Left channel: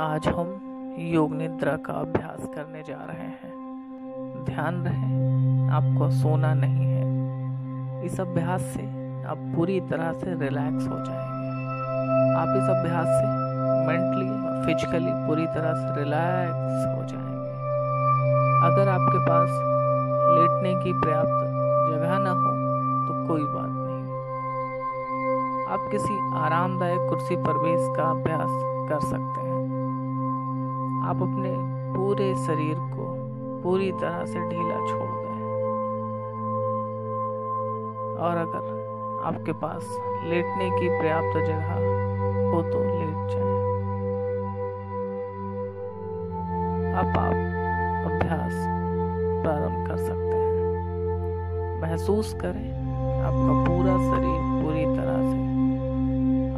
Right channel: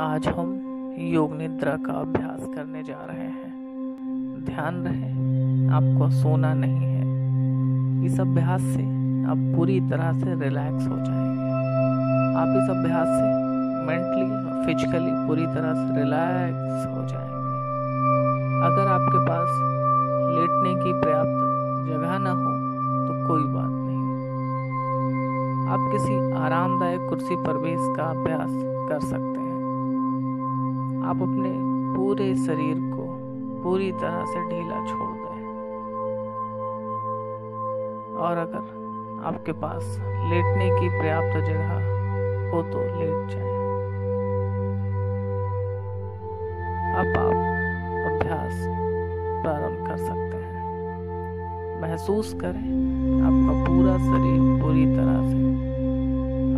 आज हम योग निद्रा का अभ्यास करने जा रहे हैं। ध्यान रहे, आपको सोना नहीं है। इस अभ्यास से आप पूरी तरह से रिलैक्स हो जाएंगे। आप इस अभ्यास से मेंटली और फिजिकली पूरी तरह से रिलैक्स हो जाएंगे। अगर आपके पास लेटने की पर्याप्त जगह ना हो तो कोई बात नहीं, आप किसी आरामदायक कुर्सी पर भी इसका अभ्यास कर सकते हैं। आप अपने पूरे शरीर को पूरी तरह से ढीला छोड़ दें और अगर आपके पास लेटने की पर्याप्त जगह हो तो लेट जाएं। अब आप अभ्यास प्रारंभ कर सकते हैं। महसूस करें आपका पूरा शरीर पूरी तरह से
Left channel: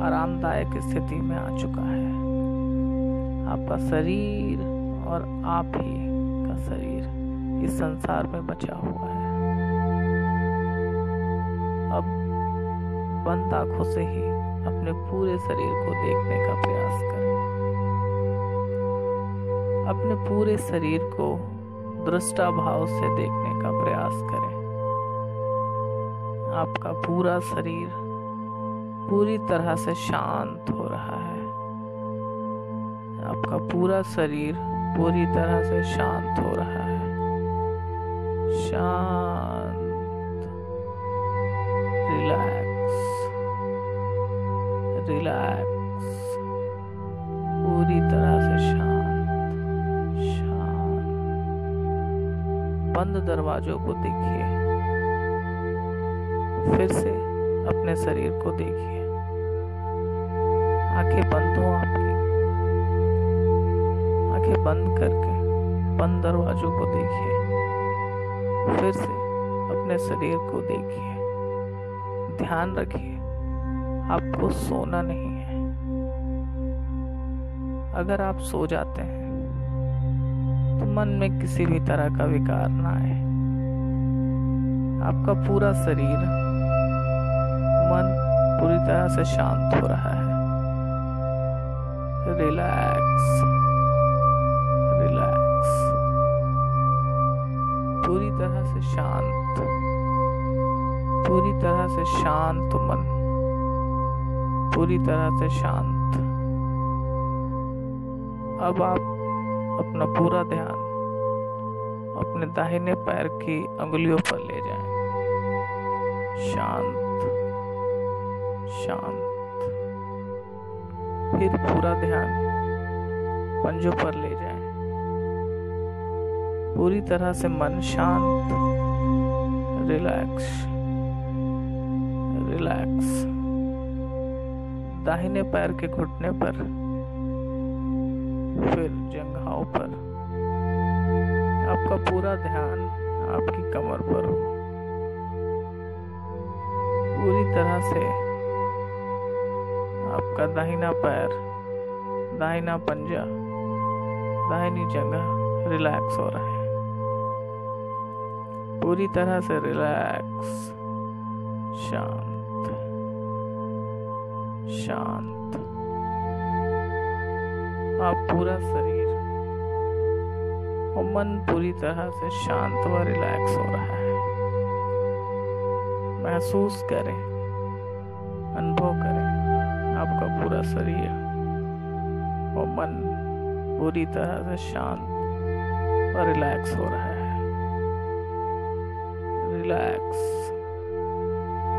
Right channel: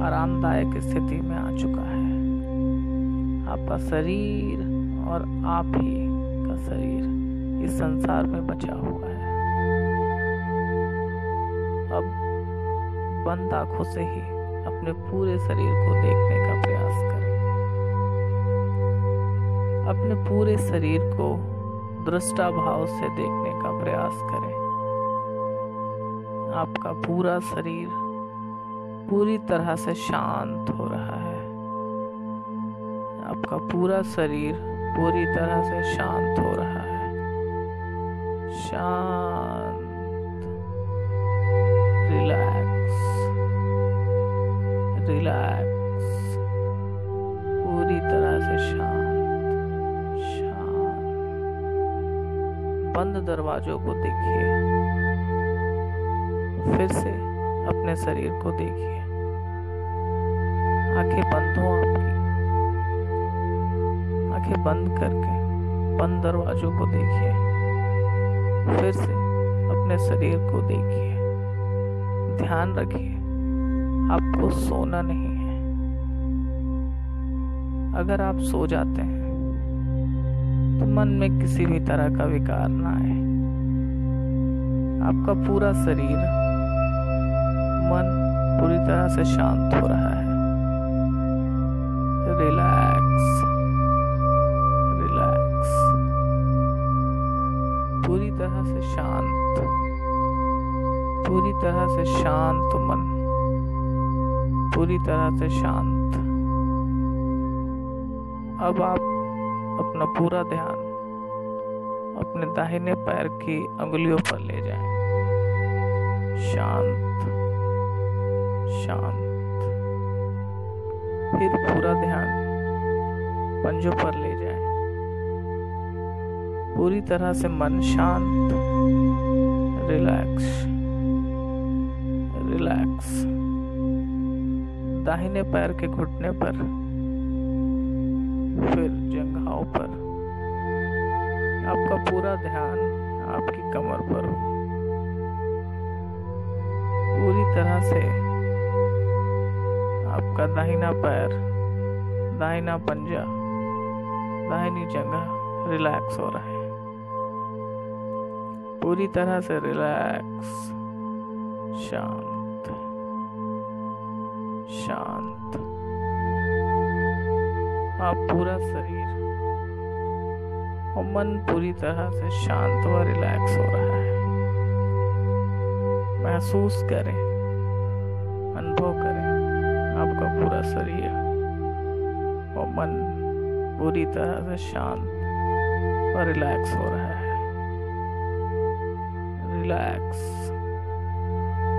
आरामदायक स्थिति में आ चुका है। आपका शरीर और आप ही का शरीर इस संसार में बचा हुआ है। अब बंद आंखों से ही अपने पूरे शरीर को देखने का प्रयास करें। अपने पूरे शरीर को दृष्टा भाव से देखने का प्रयास करें। आपका पूरा शरीर पूरी तरह से शांत हो रहा है। आपका पूरा शरीर पूरी तरह से शांत हो रहा है। शांत, रिलैक्स, रिलैक्स, पूरी तरह से शांत, शांत। बंद दरवाजों को देखिए। फिर से अपने शरीर को देखिए। आंखें बंद हो आपकी। आंखें बंद करके बंद दरवाजों को देखिए। फिर से अपने शरीर को देखिए। ध्यान रखिए, आपको सोना नहीं है। अगर आप सो जाते हैं तो मन में किसी भी तरह का विकार ना आए। आपका पूरा शरीर, मन पूरी तरह से शांत हो रहा है। रिलैक्स, रिलैक्स, पूरी तरह से शांत, पूरी तरह से शांत मन, पूरी तरह से शांत। अब आप अपना पूरा ध्यान अपने दाहिने पैर की अंगुलियों पर ले जाएं। शांत, शांत। फिर पूरा ध्यान पंजों पर ले जाएं। पूरी तरह से मन शांत, रिलैक्स, रिलैक्स। दाहिने पैर के घुटने पर, फिर जंघाओं पर। आपका पूरा ध्यान आपकी कमर पर हो। पूरी तरह से आपका दाहिना पैर, दाहिना पंजा, दाहिनी जगह रिलैक्स हो रहा है। पूरी तरह से रिलैक्स, शांत, शांत। आप पूरा शरीर और मन पूरी तरह से शांत व रिलैक्स हो रहा है। महसूस करें, अनुभव करें, आपका पूरा शरीर और मन पूरी तरह से शांत और रिलैक्स हो रहा है। Relax,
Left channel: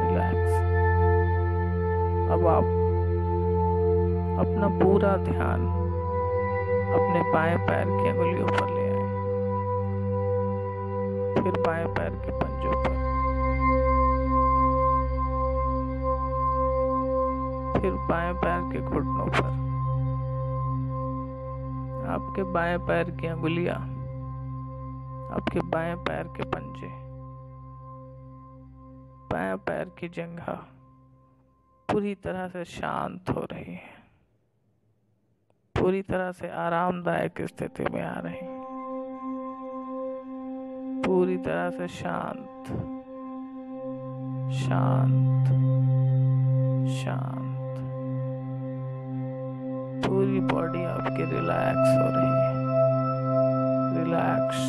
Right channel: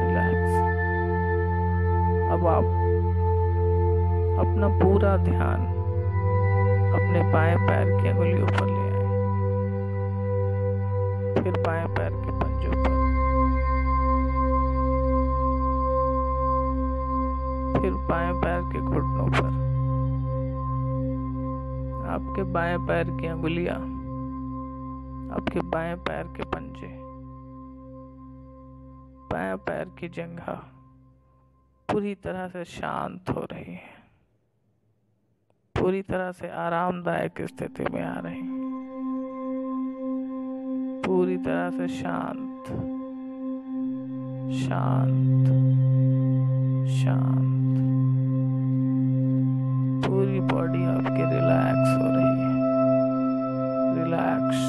relax. अब आप अपना पूरा ध्यान अपने बाएं पैर की अंगुलियों पर ले आए। फिर बाएं पैर के पंजों पर, फिर बाएं पैर के घुटनों पर। आपके बाएं पैर की अंगुलियां, आपके बाएं पैर के पंजे, बाएं पैर की जंघा पूरी तरह से शांत हो रही है। पूरी तरह से आरामदायक स्थिति में आ रही। पूरी तरह से शांत, शांत, शांत। पूरी बॉडी आपकी रिलैक्स हो रही है। Relax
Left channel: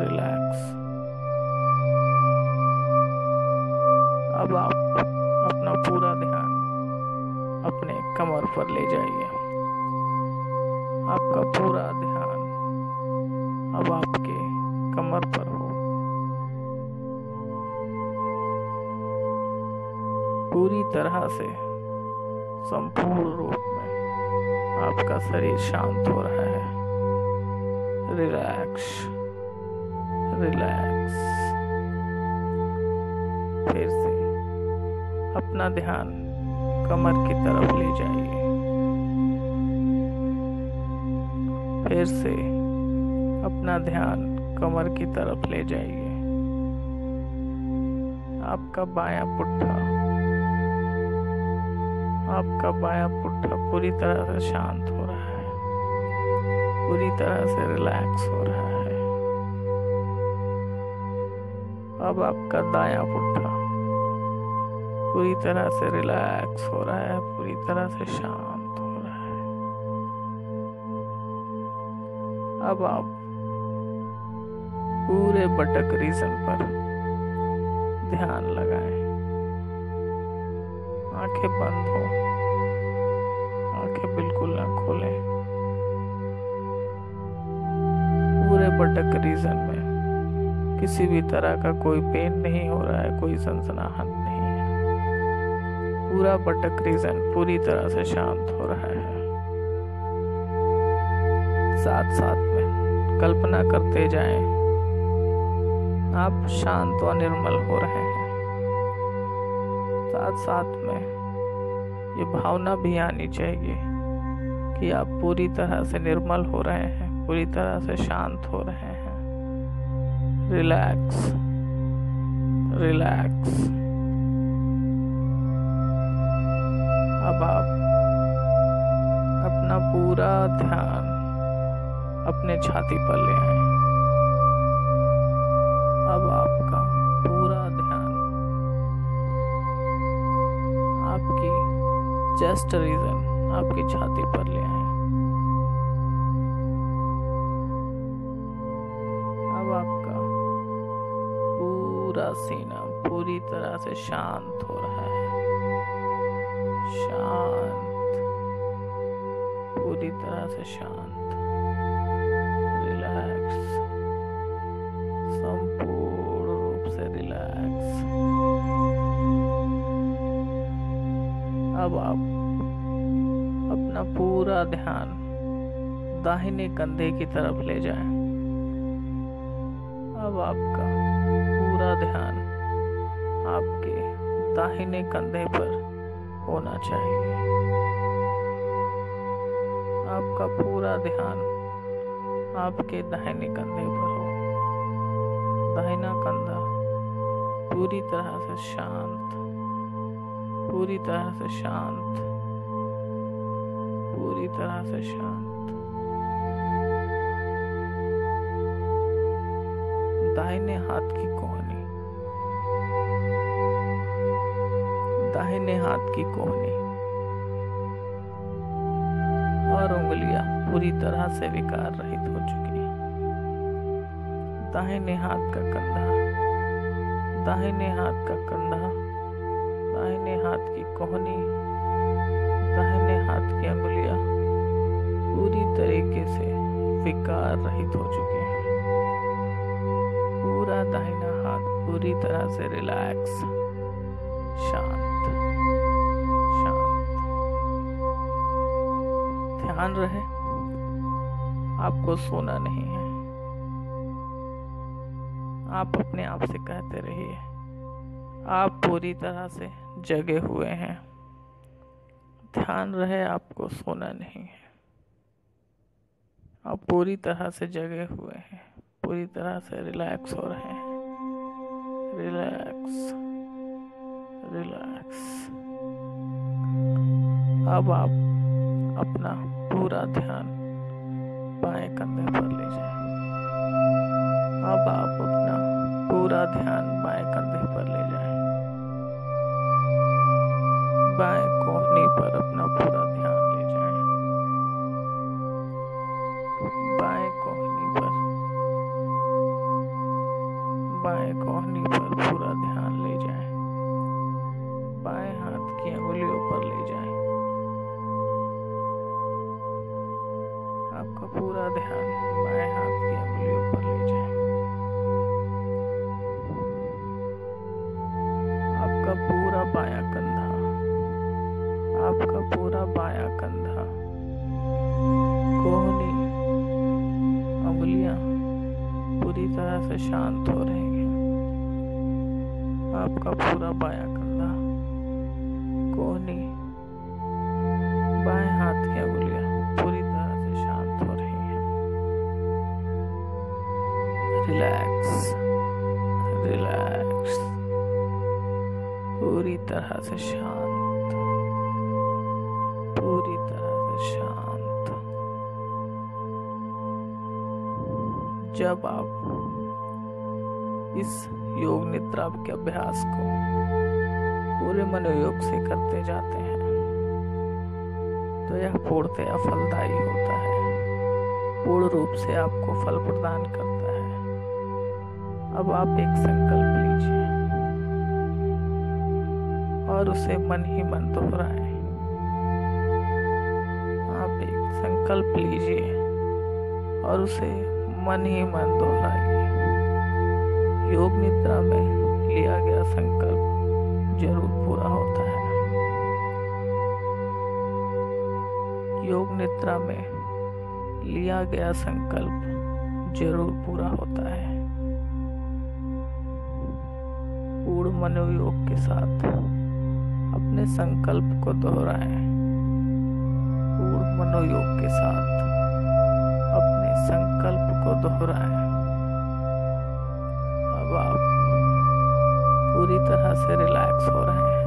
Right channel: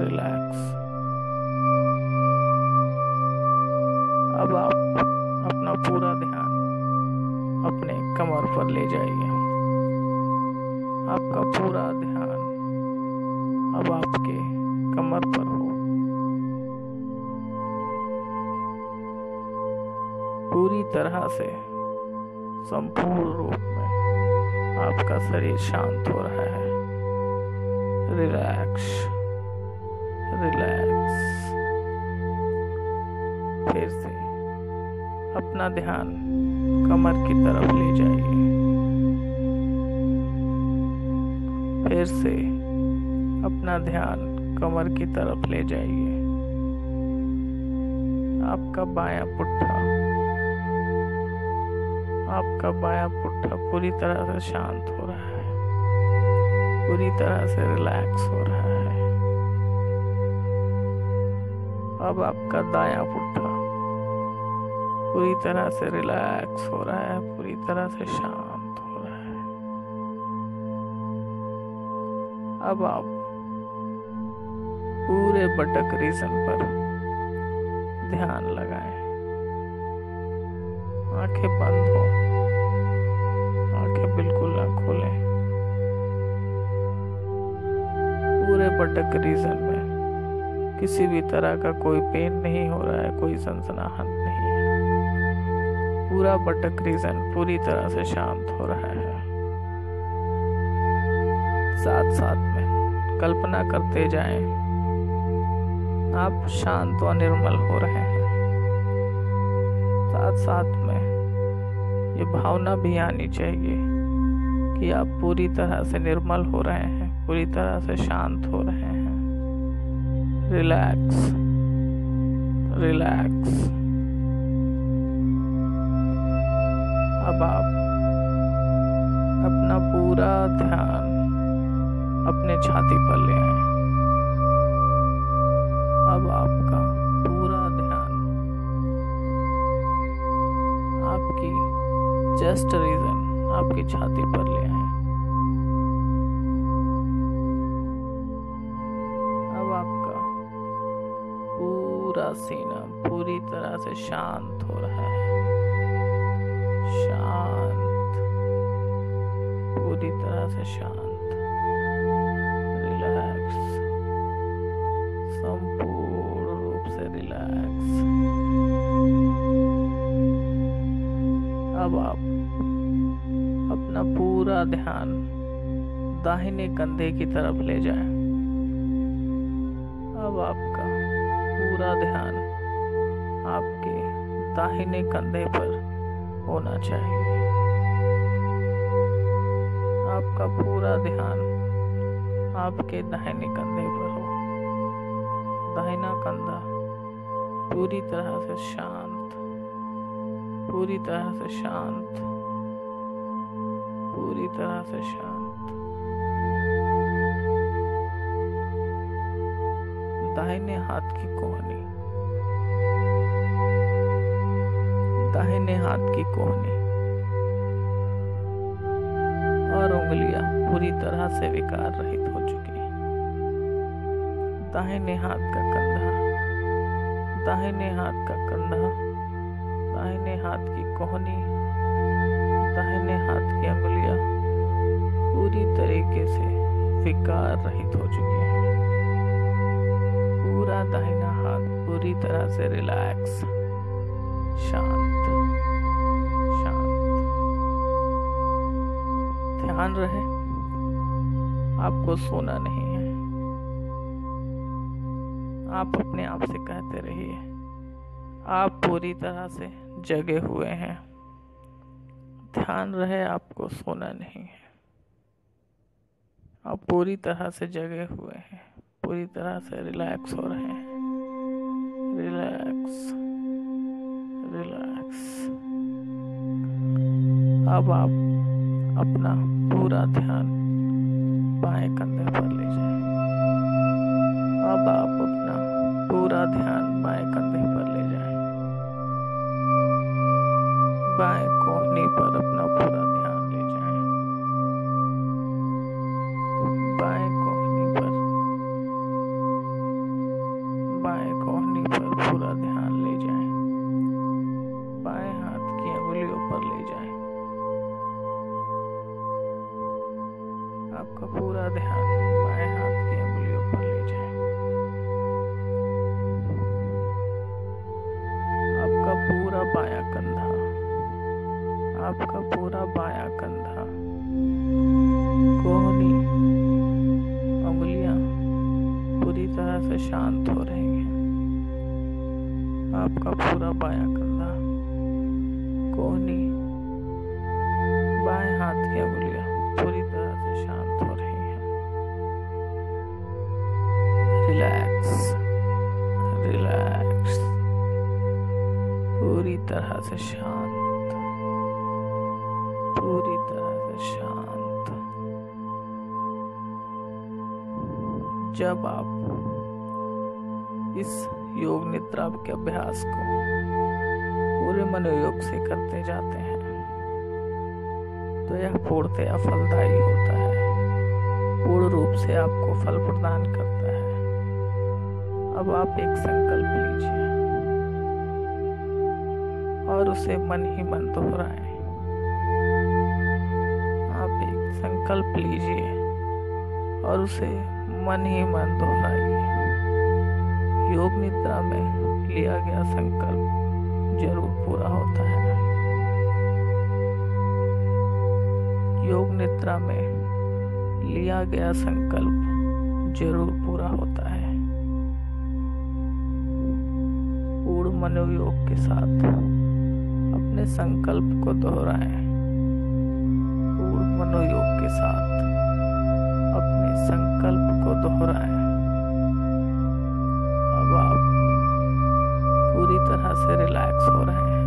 relax. अब आप अपना पूरा ध्यान अपने कमर पर ले जाइए। आपका पूरा ध्यान अब आपके कमर पर हो। पूरी तरह से संपूर्ण रूप में आपका शरीर शांत हो रहा है। Relax relax. फिर से अपना ध्यान कमर की तरफ ले जाइए। फिर से अपना ध्यान कमर की तरफ ले जाइए। आपका बायां पुट्ठा पूरी तरह से शांत हो रहा है, पूरी तरह से रिलैक्स हो रहा है। अब आपका दायां पुट्ठा पूरी तरह से रिलैक्स हो रहा है, पूरी तरह से शांत हो रहा है। अब आप पूरे बटक रीजन पर ध्यान लगाएं। आंखें बंद हो, आंखें बिल्कुल ना खोलें। पूरे बटक रीजन में किसी भी तरह का कोई पेन नहीं हो रहा है, कोई सनसनाहट नहीं है। पूरा बटक रीजन पूरी तरह से शांत हो रहा है। साथ साथ में कल्पना करते जाएं, आप शांत व निर्मल हो रहे हैं। साथ साथ में ये भावना भी आनी चाहिए कि आप पूरी तरह से निर्मल हो रहे हैं, पूरी तरह से शांत हो रहे हैं। Relax relax. अब आप अपना पूरा ध्यान अपने छाती पर ले आए। अब आपका पूरा ध्यान आपकी चेस्ट रीजन, आपकी छाती पर ले आए। अब आपका पूरा सीना पूरी तरह से शांत हो रहा है। शांत, पूरी तरह से शांत। रिलैक्स, संपूर्ण रूप से रिलैक्स। अब आप अपना पूरा ध्यान दाहिने कंधे की तरफ ले जाएं। अब आपका पूरा ध्यान आपके दाहिने कंधे पर होना चाहिए। आपका पूरा ध्यान आपके दाहिने कंधे पर हो। दाहिना कंधा पूरी तरह से शांत, पूरी तरह से शांत, पूरी तरह से शांत। दाहिने हाथ की कोहनी, दाहिने हाथ की कोहनी और उंगलियां पूरी तरह से विकार रहित हो चुकी हैं। दाहिने हाथ का कंधा, दाहिने हाथ का कंधा, दाहिने हाथ की कोहनी, दाहिने हाथ की उंगलियां पूरी तरीके से विकार रहित हो चुकी हैं। पूरा दाहिना हाथ पूरी तरह से रिलैक्स, शांत शांत। ध्यान रहे आपको सोना नहीं है। आप अपने आप से कहते रहिए, आप पूरी तरह से जगे हुए हैं। ध्यान रहे आपको सोना नहीं है। आप पूरी तरह से जगे हुए हैं, पूरी तरह से रिलैक्स हो रहे हैं। Relax relax. अब आप अपना पूरा ध्यान बाएं कंधे पर ले जाएं। अब आप अपना पूरा ध्यान बाएं कंधे पर ले जाएं। बाएं कोहनी पर अपना पूरा ध्यान ले जाएं। आपका पूरा ध्यान बाएं हाथ की उंगलियों पर ले जाएं। आपका पूरा बायां कंधा, आपका पूरा बायां कंधा, कोहनी, उंगलियां पूरी तरह से शांत हो रही हैं। आपका पूरा बायां कंधा, कोहनी, बाएं हाथ की उंगलियां पूरी तरह से शांत हो रही हैं। रिलैक्स, रिलैक्स, पूरी तरह से शांत, पूरी तरह से शांत। जब आप इस योग निद्रा के अभ्यास को पूरे मनोयोग से करते जाते हैं तो यह पूर्णतया फलदायी होता है, पूर्ण रूप से आपको फल प्रदान करता है। अब आप एक संकल्प लीजिए और उसे मन ही मन दोहराएं। आप एक संकल्प लीजिए और उसे मन ही मन दोहराइए। योग निद्रा में लिया गया संकल्प जरूर पूरा होता है। योग निद्रा में लिया गया संकल्प जरूर पूरा होता है। पूर्ण मनोयोग के साथ अपने संकल्प को दोहराएं। पूर्ण मनोयोग के साथ अपने संकल्प को दोहराएं। अब आप पूरी तरह से रिलैक्स हो रहे हैं।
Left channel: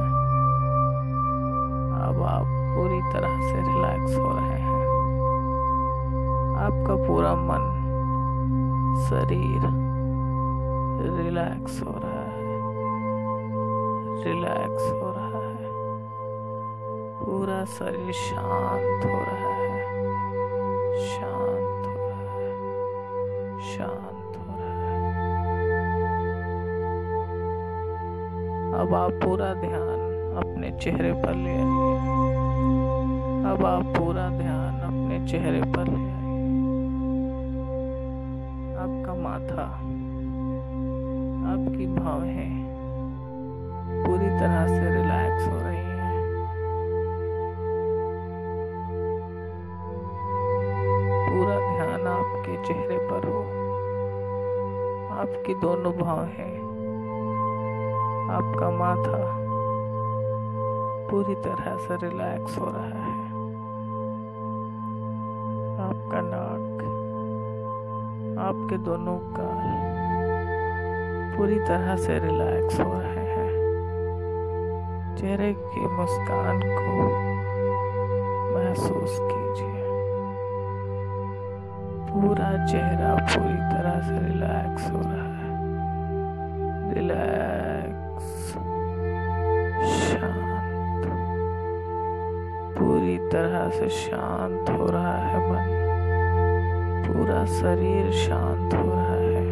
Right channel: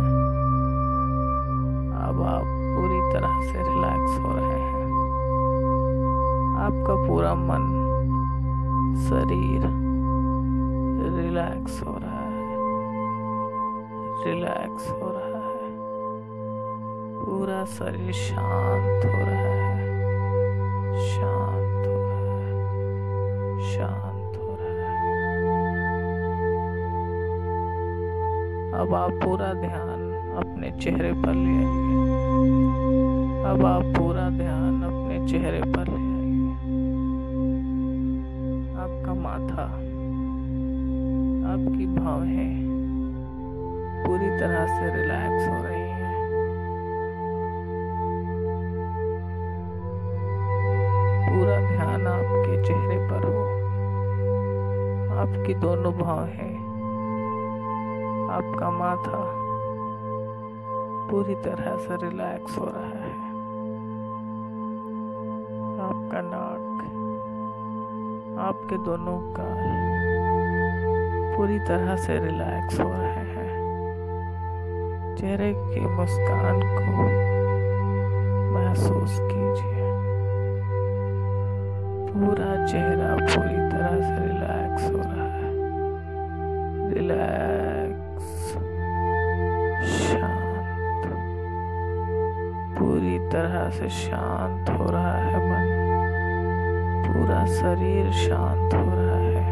अब आप पूरी तरह से रिलैक्स हो रहे हैं। आपका पूरा मन, शरीर रिलैक्स हो रहा है, रिलैक्स हो रहा है। पूरा शरीर शांत हो रहा है, शांत हो रहा है, शांत हो रहा है। अब आप पूरा ध्यान अपने चेहरे पर ले आइए। अब आप पूरा ध्यान अपने चेहरे पर ले आइए। आपका माथा, आपकी भौहें पूरी तरह से रिलैक्स हो रही हैं। पूरा ध्यान आपके चेहरे पर हो। आपकी दोनों भौहें, आपका माथा पूरी तरह से रिलैक्स हो रहा है। आपका नाक, आपके दोनों गाल पूरी तरह से रिलैक्स हो रहे हैं। चेहरे की मुस्कान को महसूस कीजिए। पूरा चेहरा पूरी तरह से रिलैक्स हो रहा है। रिलैक्स, शांत, पूरी तरह से शांत हो रहा है मन। पूरा शरीर शांत हो रहा है।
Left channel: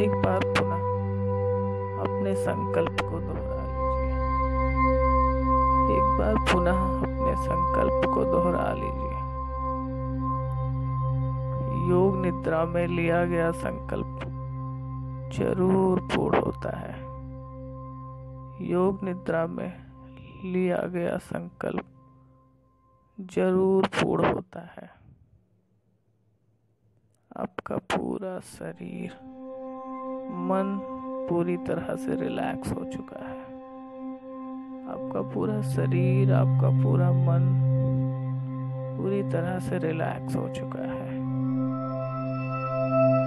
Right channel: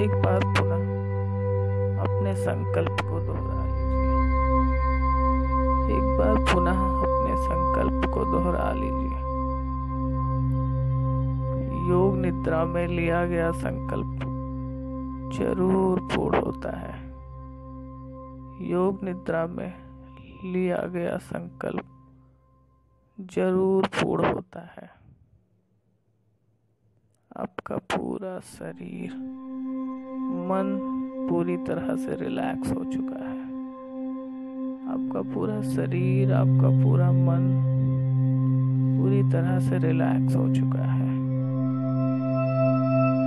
एक बार पुनः अपने संकल्प को दोहरा लीजिए। एक बार पुनः अपने संकल्प को दोहरा लीजिए। योग निद्रा में लिया गया संकल्प जरूर पूर्ण होता है। योग निद्रा में लिया गया संकल्प जरूर पूर्ण होता है। आपका पूरा शरीर, मन पूरी तरह से रिलैक्स हो चुका है। आपका पूरा शरीर, आपका पूरा मन पूरी तरह से रिलैक्स हो चुका है।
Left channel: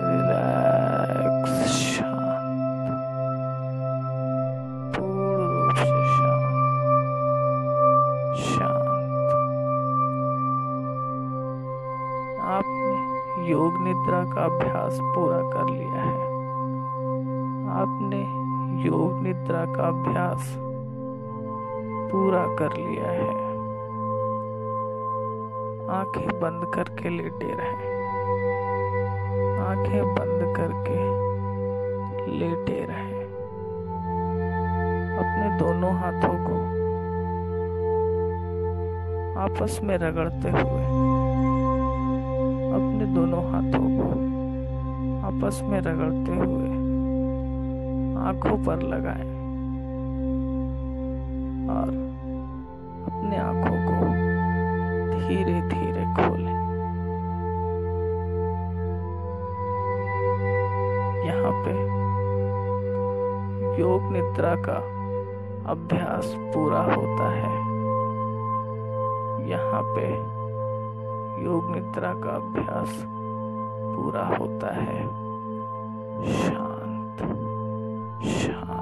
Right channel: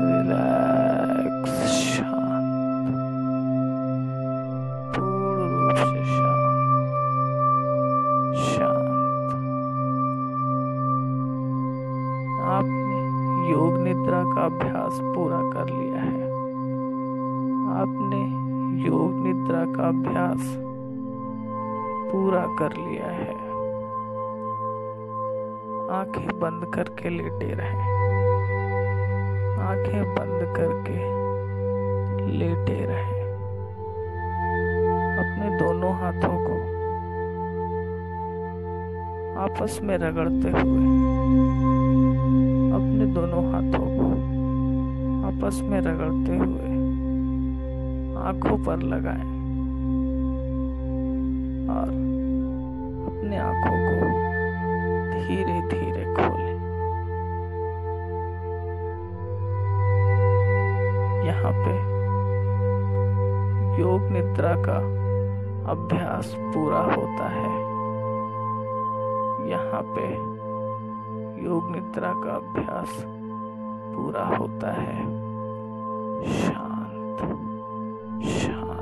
रिलैक्स, शांत, पूर्ण रूप से शांत, शांत। आपने योग निद्रा का अभ्यास पूरा कर लिया है। आपने योग निद्रा का अभ्यास पूरा कर लिया है। आंखें बंद करके लेटे रहें। आंखें बंद करके लेटे रहें। अपने दोनों हाथों को आपस में रगड़ते हुए अपने दोनों हाथों को आपस में रगड़ते हुए आंखों पर लगाएं और अपने आंखों को धीरे धीरे खोलें। यहाँ पे योग निद्रा का अभ्यास पूरा होता है। यहाँ पे योग निद्रा का अभ्यास पूरा होता है। शांत शांत।